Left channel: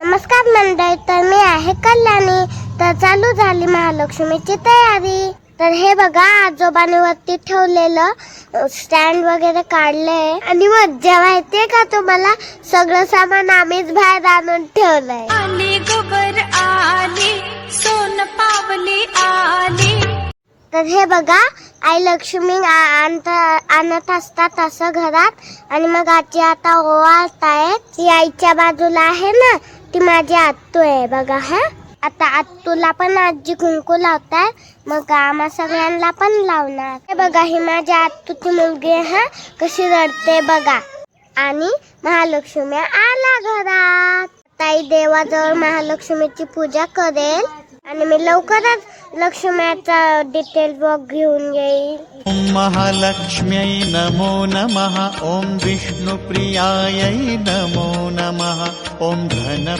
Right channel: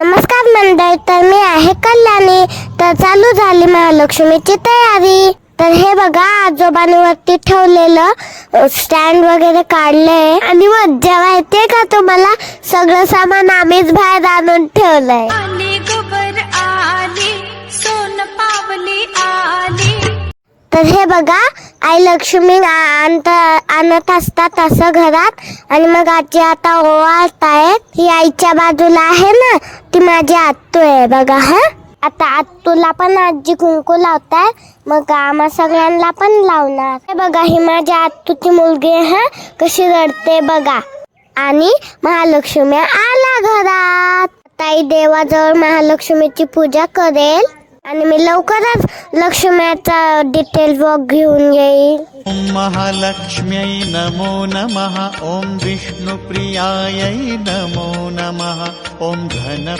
नमस्कार मंडळी, तर मी आहे कल्याणी. तर चालू झाली महालक्ष्मीची तयारी. तर हे बघा, आजोबांनी वरती ठेवलेलं स्टँड वगैरे काढलंय आणि मज्जा माहितीये का तुम्हाला, सगळं सामान आम्हीच बाहेर आणून ठेवलंय. आली गोबर आली, सोन पावली आली. तर हे बघा, आई लक्ष्मी आणत असतात असं घरात, आणि मग आजी आता ओवाळतायत. ही आईच्या बाजूला आहे ना, ती माझी आत्तू आहे बघा. हा, आता आत्तूला पण आजी कुंकू लावताय, मग आम्हा सगळ्यांना पण लावणार. हे बघा, ही माझी आत्तूची मुलगी आहे. हा, कशी रडते बघा. आणि महालक्ष्मी आला घरात. ताई देवाजवळ महालक्ष्मीची पूजा करेल आणि मी लवकरच लक्ष्म्याचा डिटेल ब्लॉग घेऊन येईल. ओम महालक्ष्म्यै नमो नमः. ओम विष्णुप्रियायै नमो नमः. ओम घन